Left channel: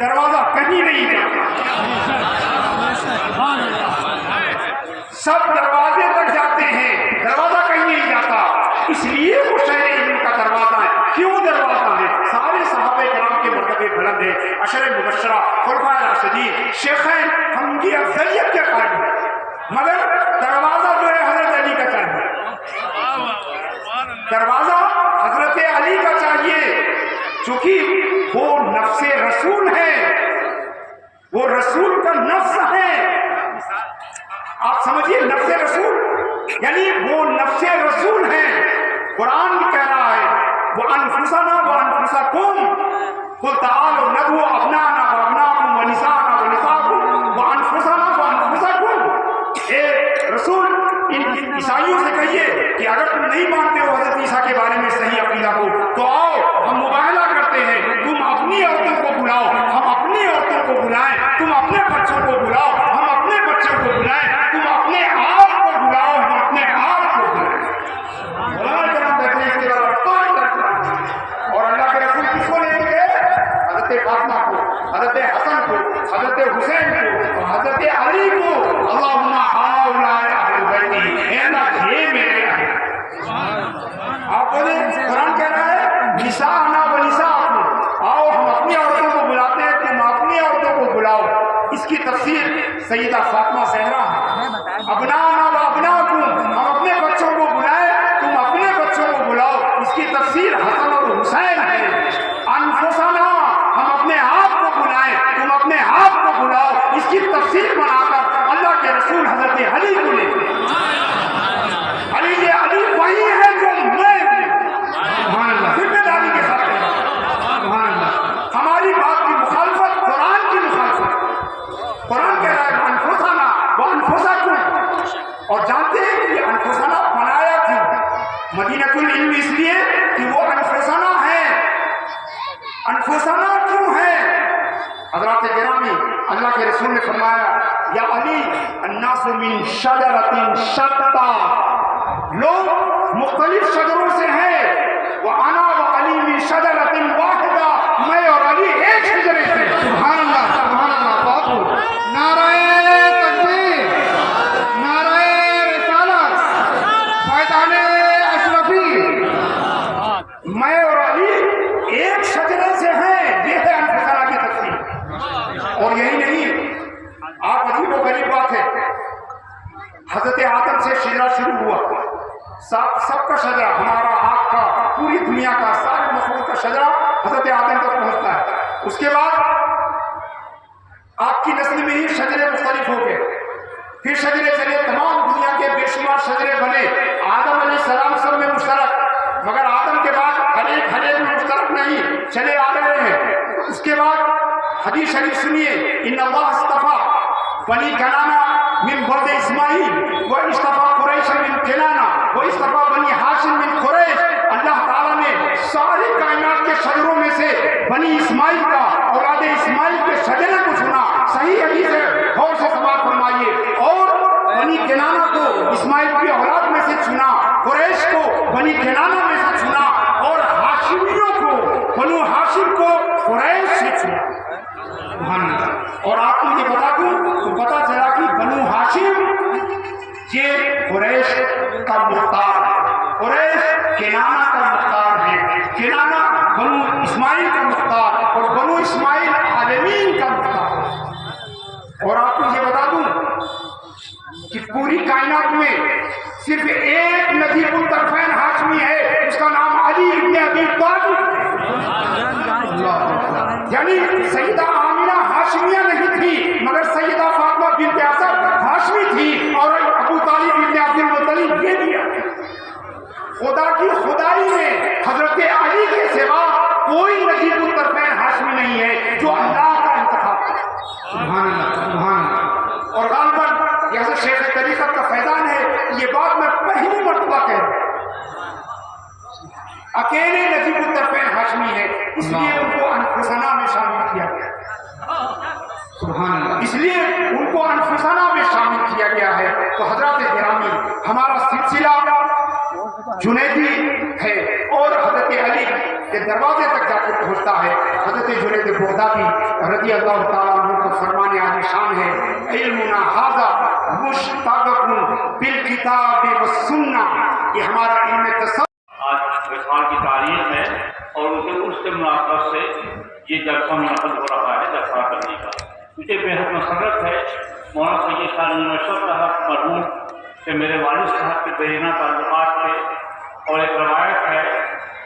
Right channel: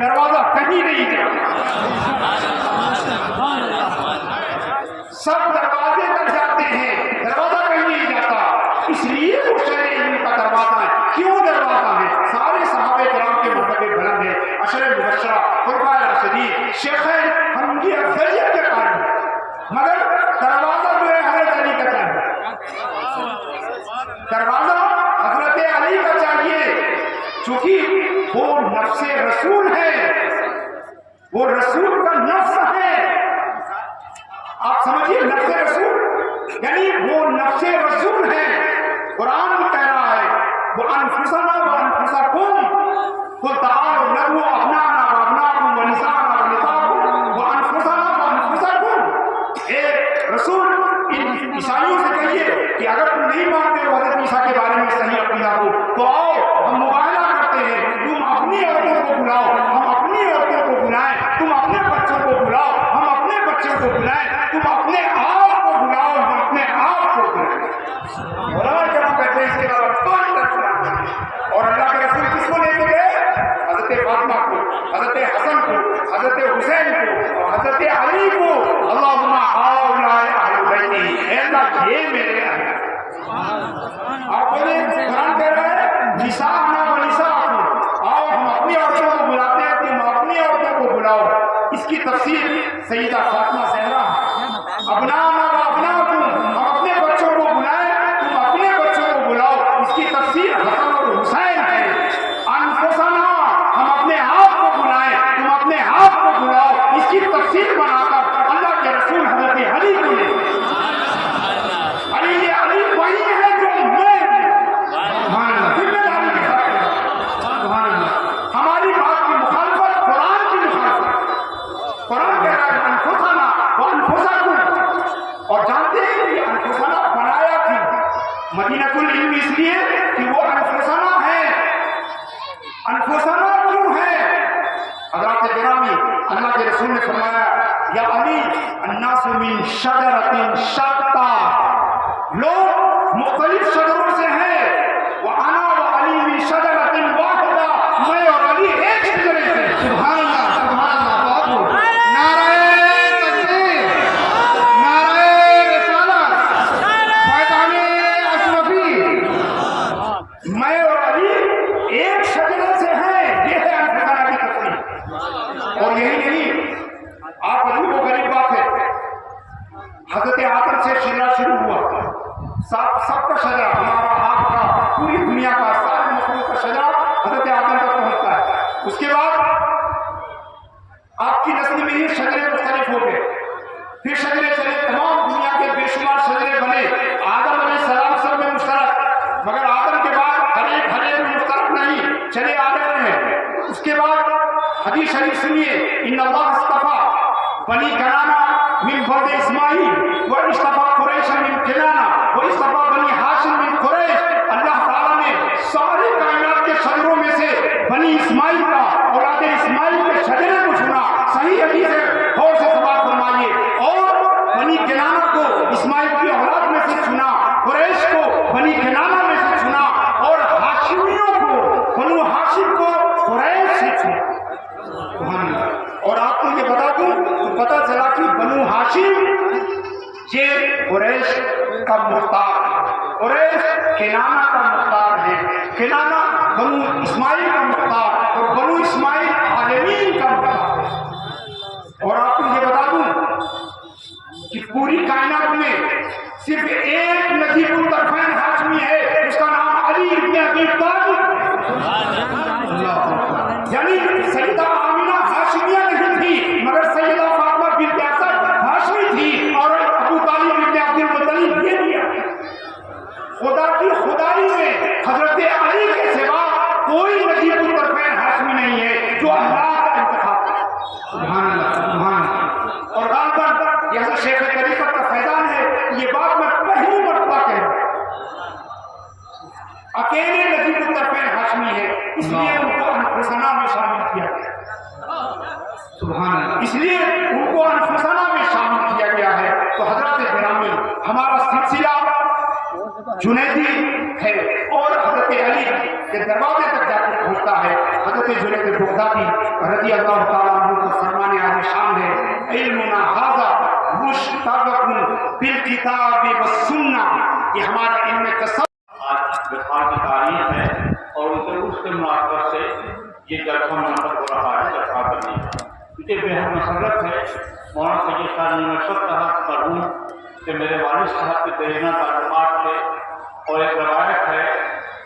دروازہ کہیں نہیں جاتا، سب دروازے تک جاتے ہیں، دروازہ کہیں نہیں جاتا، اس لیے وہ شہر علم کا دروازہ ہے۔ کیوں دروازہ ہے؟ سارے صحابہ کرام کے مرتبے بلند ہیں، عشر مبشرہ، خلفائے راشدین، شیخین، ہم کی افضلیت کے قائم ہیں، مگر دروازہ جو ہے حضرت علی کا چاہیے، دروازہ حضرت علی کا چاہیے، چونکہ وہ نفس رسول ہے، وہ رسول کا نفس ہے۔ آپ سمجھیے نفس رسول یعنی وہ نفس رسول ہے۔ قرآن بھی کہہ رہا ہے وَأَنفُسَنَا وَأَنفُسَكُمْ قُلْ تَعَالُوا نَدْعُوا أَبْنَاءَنَا وَأَبْنَاءَكُمْ وَنِسَاءَنَا وَنِسَاءَكُمْ وَأَنفُسَنَا وَأَنفُسَكُمْ۔ اے رسول ان عیسائیوں سے کہیے کہ اگر تم نہیں مانتے ہو حضرت عیسیٰ کے بارے میں صحیح عقیدہ کو تو آؤ ہم مباہلہ کرتے ہیں، تم اپنی عورتوں کو بلاؤ، ہم اپنی عورتوں کو بلائیں، تم اپنے بچوں کو بلاؤ، ہم اپنے بچوں کو بلائیں، تم اپنے آپ کو بلاؤ، ہم اپنے آپ کو بلائیں۔ اور اللہ کے رسول کس کو لے کے گئے؟ حضرت فاطمہ کو، حضرت حسن کو، حضرت حسین کو، حضرت علی کو۔ اللہم ہؤلاء اہل بیتی، اے اللہ یہ میرے اہل۔ آپ بولیں قرآن کہہ رہا ہے نساءنا و نساءکم، آؤ ہم اپنی عورتوں کو بلاتے ہیں، تم اپنی عورتوں کو بلاؤ۔ اس کی تفسیر سیدہ فاطمہ زہرا ہے۔ ابناؤنا و ابناؤکم، ہم اپنے بچوں کو بلائیں، تم اپنے بچوں کو بلاؤ۔ اس کی تفسیر حسن اور حسین ہے۔ انفسنا، ہم اپنے آپ کو بلائیں، تم اپنے آپ کو بلاؤ۔ اس کی تفسیر بنا کر اللہ کے رسول حضرت علی کو لے علی وہی ہے جو میں سبحان اللہ ذمہ داری کے ساتھ سبحان اللہ۔ ہماری بات کی مخالفت قرآن کی مخالفت، قرآن کہہ رہا ہے انفسنا وانفسکم، اور جانتے ہیں کہ یہ انفسنا بنایا تھی مدینۃ العلم اس لیے کہ وہ انفسنا ہے۔ انفسنا کیوں ہے؟ حضرات گرامی، اللہ کے رسول نے فرمایا یا علی الناس من شجرۃ شتیٰ، لوگ مختلف شجروں سے ہیں، وَأَنَا وَعَلِي مِن شَجَرَةٍ وَاحِدَةٍ، میں اور علی ایک شجرے سے۔ سبحان اللہ سبحان اللہ، بہت خوب۔ نعرہ تکبیر، نعرہ رسالت، فیضان اشرفی، میں اور علی ایک شجرے سے ہیں، یہ ہے انفسنا کی تفسیر۔ اور یہی نہیں، آپ عجیب و غریب بات ہے، حضرت آدم سے شجرہ شروع ہوا، سب کا شجرہ، ہمارا آپ کا، پوری دنیا کا، ساری مخلوق کا شجرہ حضرت آدم تک پہنچتا ہے۔ اس کے بعد آپ کی نسل میں ہی شجرے مختلف ہو گئے، پھر شجرے چلے، تمام دنیا کے بے شمار شجرے بنے، آدم علیہ السلام سب میں مشترک، مگر آدم کے بعد ہر ایک میں مشترک نہیں، چلے آ رہے ہیں۔ اس کے بعد حدیث شریف سنیے، ان اللہ اصطفیٰ بنی کنانہ من ولد اسماعیل واصطفیٰ قریش من کنانہ واصطفیٰ بنی ہاشم من قریش۔ اللہ تعالیٰ نے ساری کائنات کے شجروں میں سے بنی اسماعیل کا، اولاد اسماعیل کے شجرے کو چنا۔ صحیح حدیث ہے، غور سے سماعت فرمائیے۔ اور بنی کنانہ کو اسماعیل کی اولاد میں سے چنا، قریش کو بنی کنانہ میں سے چنا، اور ہاشمیوں کو، بنو ہاشم کو قریش سے چنا۔ اور آپ کو یہ بتا دوں تو پتا چلا کہ بنو ہاشم یہ قریش کا مختار ہے، قریش کنانہ کا مختار ہے، کنانہ بنو اسماعیل کا مختار، اور بنو اسماعیل عالمین کا مختار۔ اور آپ کو یہ بتا دوں کہ پوری کائنات میں صرف ایک نجیب الطرفین ہاشمی ہے، اس کا نام علی ابن ابی طالب، یعنی سیدہ آمینہ ہاشمیہ نہیں تھی، مگر سیدہ فاطمہ بنت اسد ہاشمی تھی، اور ابو طالب ابن عبد المطلب یہ بھی ہے۔ خدا کی خدائی میں حضرت علی کے سوا کوئی نجیب الطرفین ہاشمی نہیں ہے جو اللہ کا انتخاب ہے۔ سبحان اللہ سبحان اللہ۔ اور غالباً یہ حضرت شیخ طریقت کا فیضان ہے، یہ بات میں پہلی مرتبہ کہہ رہا ہوں، اکیلے نجیب الطرفین ہاشمی ہے، اس لیے ان کو انفسنا میں شامل کیا گیا۔ سبحان اللہ، اس لیے ان کو انفسنا میں شامل کیا گیا ہے. تو حضرات گرامی ہمارا سلسلہ جنیدی ہے اور حضرت علی کے دروازے تک جا کے پہنچتا ہے. حضرت جنید بغدادی رضی اللہ تعالیٰ عنہ کو فرمان عالی شان ہے علمنا ھذا مشتق بالکتاب والسنہ. یہ ہمارا علم تصوف. آج وصال کی تاریخ ہے اور ان کے عرس کے مناسبت سے یہ جلسہ منعقد ہو رہا ہے جلسہ کرنے کا. مجھے بےحد مسرت ہے مولانا سید شاہ نشر صاحب مرحوم سے میرے والد صاحب کے دیرینہ تعلقات تھے. اور ایک روایت ہے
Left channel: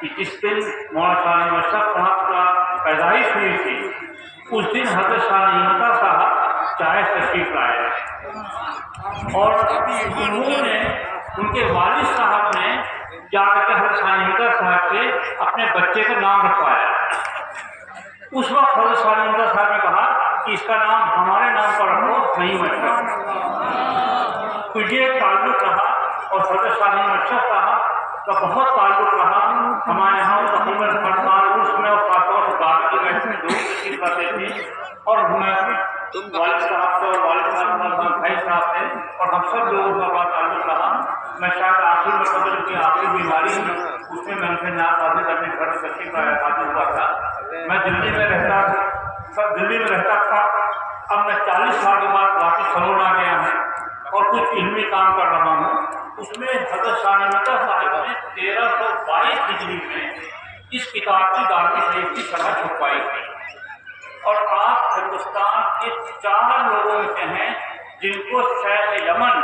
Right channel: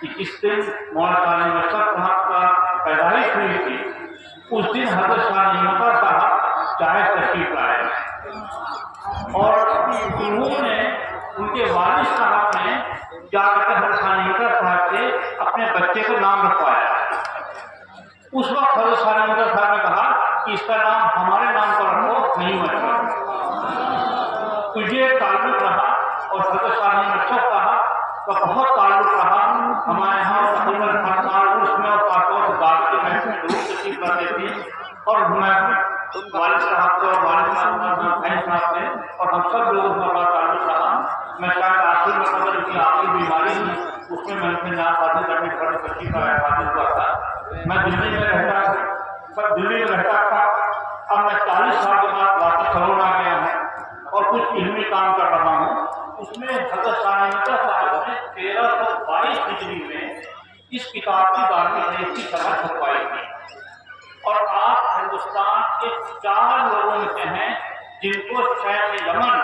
کہ جس دن مولانا شاہ نشر صاحب کا پیدائش ہوئی تھی اس دن حضرت شاہ نعمتہ صاحب چائے تشریف لائے اور انہوں نے ان کے والد صاحب نے جا کر کے حضرت شاہ نعمتہ صاحب سے اپنے بچے کا نام رکھوایا. اس وقت حضرت شاہ نعمتہ صاحب نے کہا کہ اس کا نام ہمارے نام پر رکھو نہیں مشرف. تو یہ ایک تعلق رہا اور حضرت شاہ نعمتہ صاحب کا بہت تعلق رہا. ہمارے یہاں تقریباً ہر سال عرس میں اور خاص طور سے دعوت کے محفل میں لوگ تشریف لاتے تھے اور ہمیں والد صاحب سے اور والد صاحب بھائی صاحب سے اور ہم سب لوگوں کا بڑا تعلق رہا. میں شاید آخری مرتبہ کی آخری بیماری ہوئی اس میں ان سے نام حاضر اپنے گھر میں تشریف حاضر ہوا تھا. میں دلی میں رہتا تھا. اب میں 40 سال کے بعد واپس سرون آ گیا ہوں اور کچھ علمی کام کر رہا ہوں. اس میں حضرت شاہ نعمتہ صاحب نے 1322 ہجری میں اس کتاب کی دارمی شریف کی شرح چھپوائی تھی اور آپ ہندوستان کے 4 لوگوں میں سے ہیں جن کو شیخ یمن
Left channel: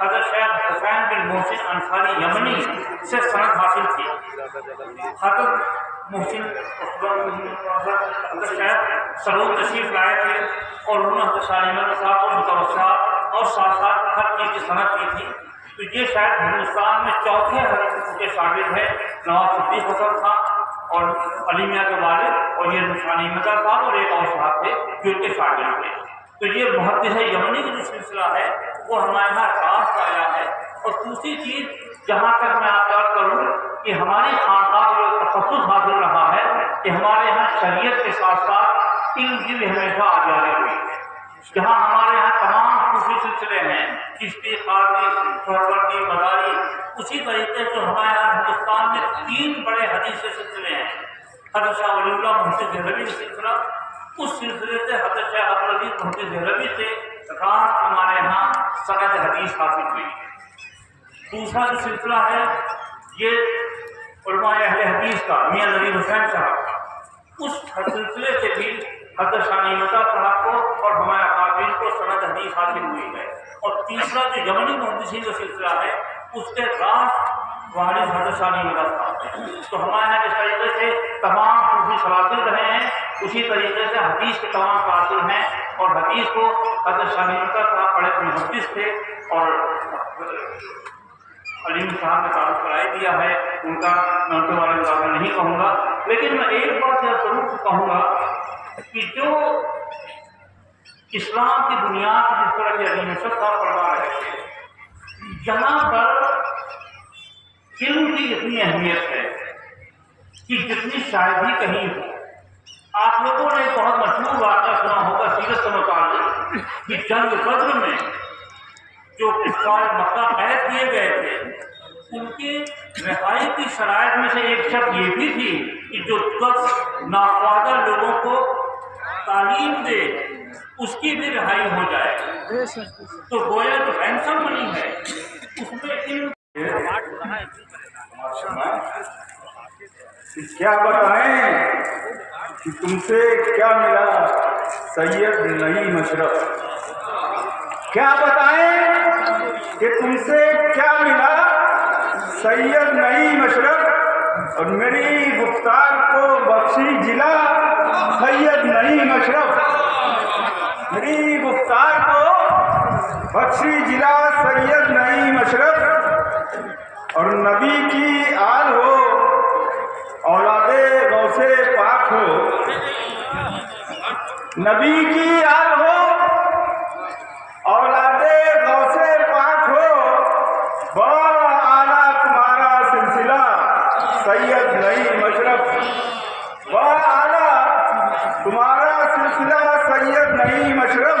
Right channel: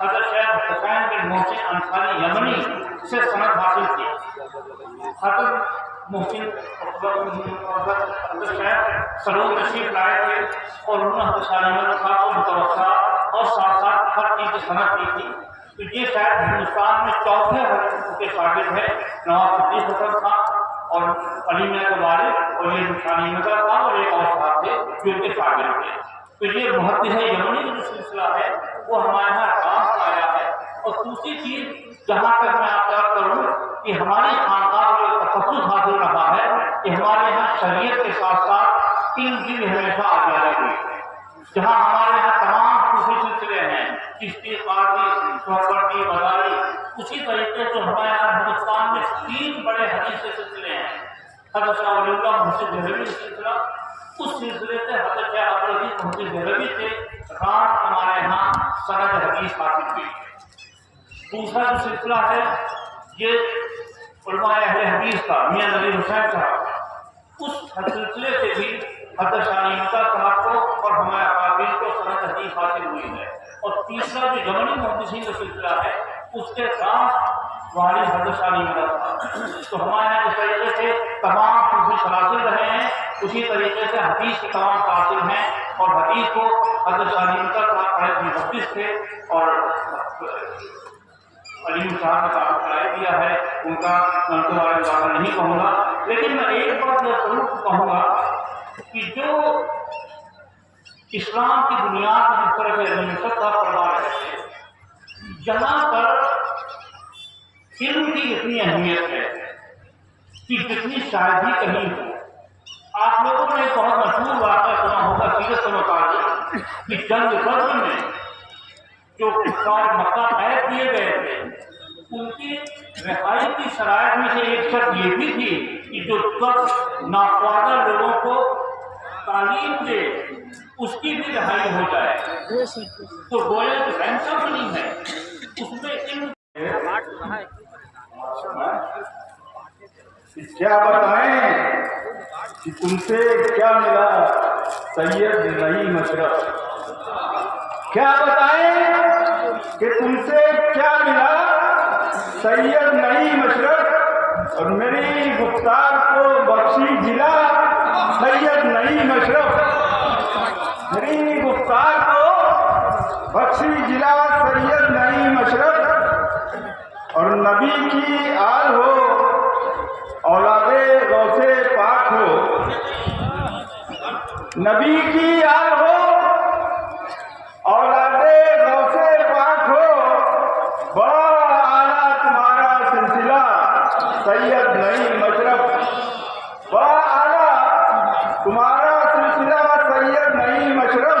حضرت شیخ حسین بن محسن انصاری یمنی سے سند حاصل کی. حضرت محسن حضرت شیخ سرون تشریف لائے تھے اور انہوں نے حضرت شاہ نعمتہ صاحب کو متوسط اور ساتھ ساتھ ہر چیز کی سند کی تھی. تو یہ شاید ہندوستان میں چوتھے حضرت کے شاگرد ہیں. نواز صدیق حسن خان اور علی میاں کے والد اور یہ شاہ نعمتہ صاحب اور ایک اور صاحب تھے جو ان کے شاگرد تھے. تو یہ محدث یمنی کا جو سلسلہ ہے وہ ہمارے یہاں خاص آیا ہے. اور دوسری چیز جہاں تک میں آپ یاد کروں کہ ہماری خانقاہ کو تخصص حاصل رہا ہے کہ ہمارے یہاں شریعت کے ساتھ ساتھ علم کی بھی ہمیشہ آزادی ہوئی ہے. جہاں ہمارے یہاں تمام صوفی سلسلے ہیں چشتی قادری سہروردی مداری اسی طریقے سے ہمارے یہاں ہندوستان میں 3 بڑے حدیث کے سلسلے ہیں. حضرت شاہ ولی اللہ محدث دہلوی کا سلسلہ اس سلسلے سے حضرت شیخ عبدالعزیز محدث دہلوی سے رات ہمارے یہاں سند حدیث حاصل ہوئی. دوسرا جو سلسلہ ہے یہ علماء اہل حدیث کا میاں نذیر حسین صاحب کا اس سلسلے سے بھی حضرت شاہ نعمتہ صاحب کو اور ہمارے اکابرین کو سند حدیث حاصل ہوئی ہے. اور تیسرا جو یمنی محدثین کا سلسلہ ہے اس کے راز وارث حضرت شاہ نعمتہ صاحب. تو ہمارے یہاں جس طریقے سے تمام صوفی سلاسل رہے ہیں اسی طریقے سے حدیث کے تمام قاصر ہیں اور حدیث کو حضرت شاہ نعمتہ صاحب بڑے محدث تھے اور علیم صاحب نے تعارف کرائی دیا ہے. ان کا میں ان کے بارے میں زیادہ نہیں کہوں گا لیکن میں ایک بات ضرور کہوں گا کہ جو اسلام کی بنیاد پر جس طرح کے علیم صاحب فرما رہے تھے یہاں پر علم کی اتنی اہمیت ہے کہ جتنی شاید ہی کہیں ہو. آپ لوگوں نے ایک بہت مشہور واقعہ سنا ہوگا سیرت سے متعلق کہ جنگ بدر میں جو کفار مکہ قید کیے گئے تھے ان کی رہائی کی شرائط میں سے ایک شرط یہ بھی تھی کہ جو 10 ناخواندہ لوگوں کو تعلیم دے اس کی بھی رہائی ہو جائے. تو گویا جو رینسم منی ہے اس میں علم کیا بتائیں کہ تم سے کیا ملا سید نعیم اشرف. کیا بتائیں کہ تم سے کیا ملا سید نعیم اشرف اور میری گفتار کو بخشی جلا سید نعیم اشرف. میری گفتار کو بخشی جلا سید نعیم اشرف اور نبی کی آل ہو اولاد غوث پاک ہو. نبی کی آل ہو اولاد غوث پاک ہو. بڑا اعلیٰ تمہارا سلسلہ سید نعیم اشرف. بڑا اعلیٰ تمہارا سلسلہ سید نعیم اشرف.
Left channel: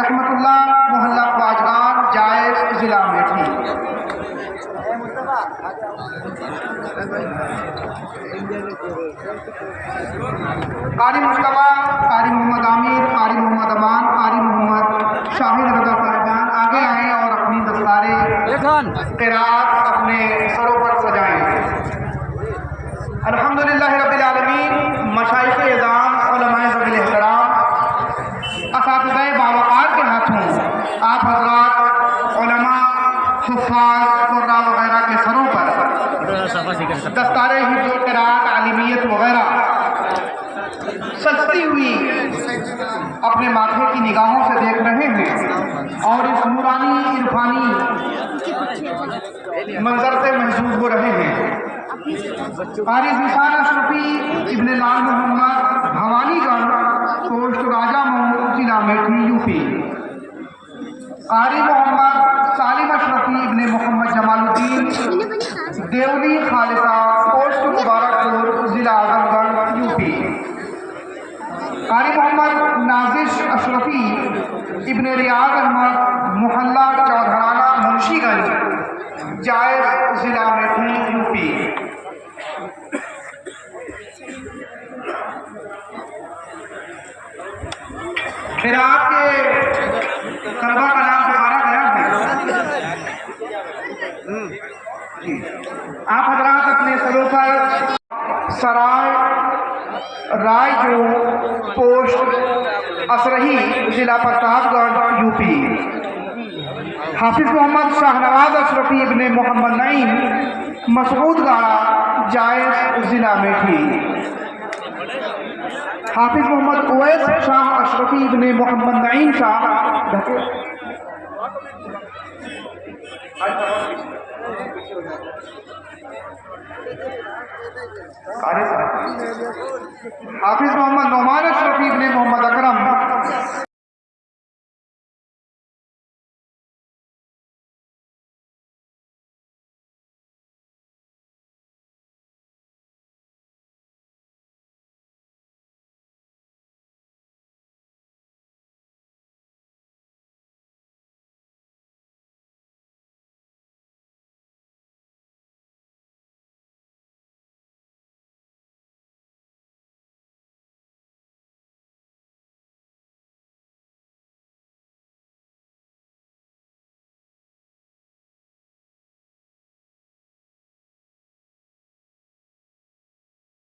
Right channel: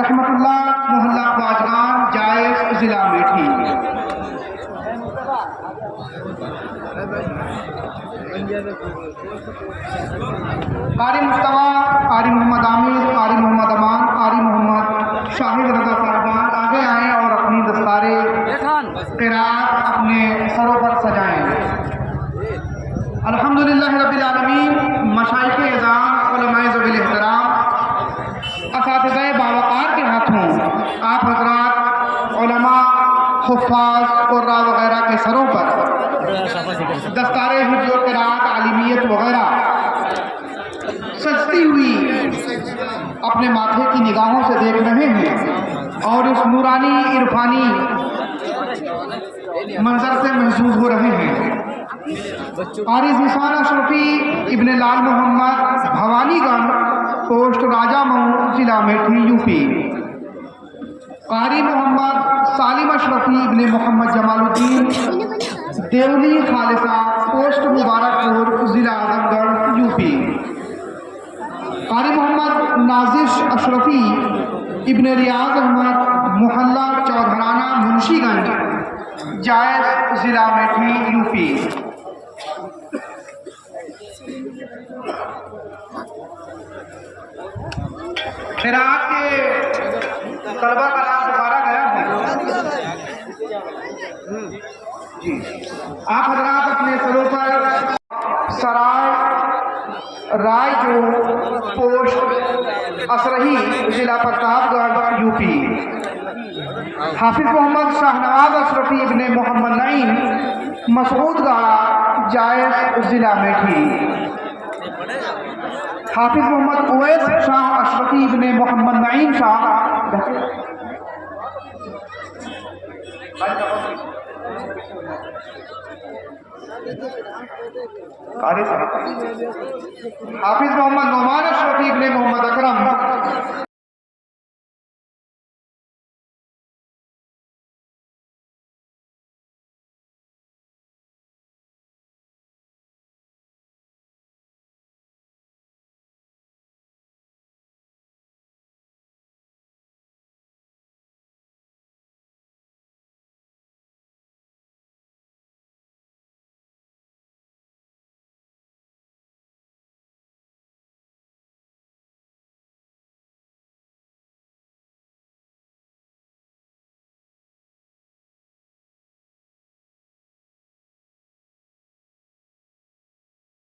رحمت اللہ محلہ باجگان جائز ضلع میٹھی۔ قاری مصطفیٰ، قاری محمد عامر، قاری محمد امان، قاری محمد شاہد رضا صاحبان آگے آئیں اور اپنی دستار قرات اپنے سروں پر سجائیں۔ الحمدللہ رب العالمین، مشائخ اعظام، علماء ذوی الاحترام، اساتذہ باوقار کے ہاتھوں آپ حضرات علماء، حفاظ، قراء وغیرہ کے سروں پر دستار حفظ و قرات، عالمیت وغیرہ سجتی ہوئی اپنے ماتھے کی نگاہوں سے دیکھ رہے ہیں اور اس نورانی عرفانی منظر سے محظوظ ہو رہے ہیں۔ قاری ذیشان اشرفی ابن لال محمد بھوانی گنج، پوسٹ راجہ مئو، ضلع میٹھی، یو پی۔ قاری محمد سالم اشرفی ابن محمد جمال الدین، دیولی خالصہ، پوسٹ مبارک پور، ضلع اعظم گڑھ، یو پی۔ قاری محمد نازش اشرفی ابن ریاض احمد، محلہ چودھرانہ، منشی گنج، جائز ضلع میٹھی، یو پی۔ قرات کے طلبہ کا نام دوبارہ گیا ہے۔ آپ حضرات اپنے سروں پر سرائے رائے جو، پوسٹ اسرہی، ضلع پرتاب گڑھ، یو پی۔ حافظ محمد شاہنواز اشرفی ابن محمد نعیم، مسعود گاڑہ، جائز ضلع میٹھی۔ حافظ محمد اویس شاہ اشرفی ابن محمد نعیم شاہ، حافظ محمد نعمان اشرفی ابن محمد اکرم،